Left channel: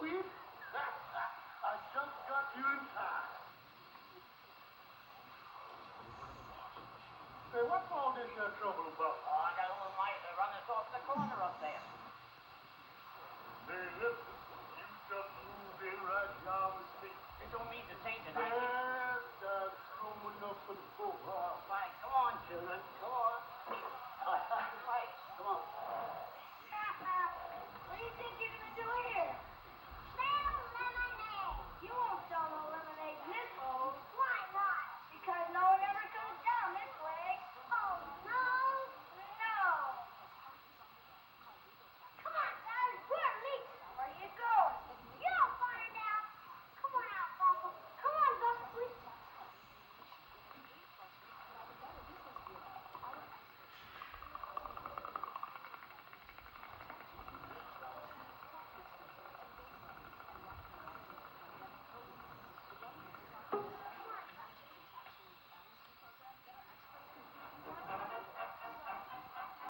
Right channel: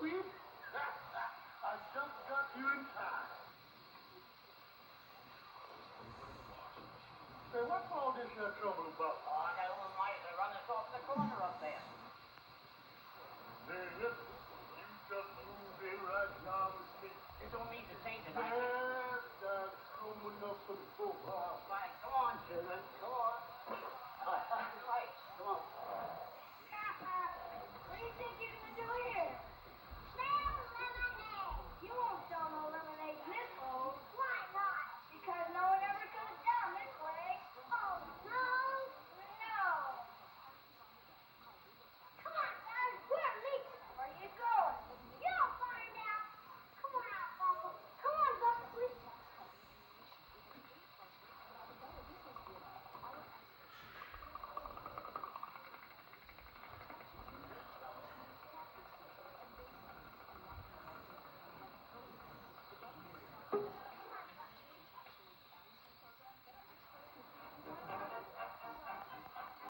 Sweet? I just got here in time. Say, what's all this trouble about?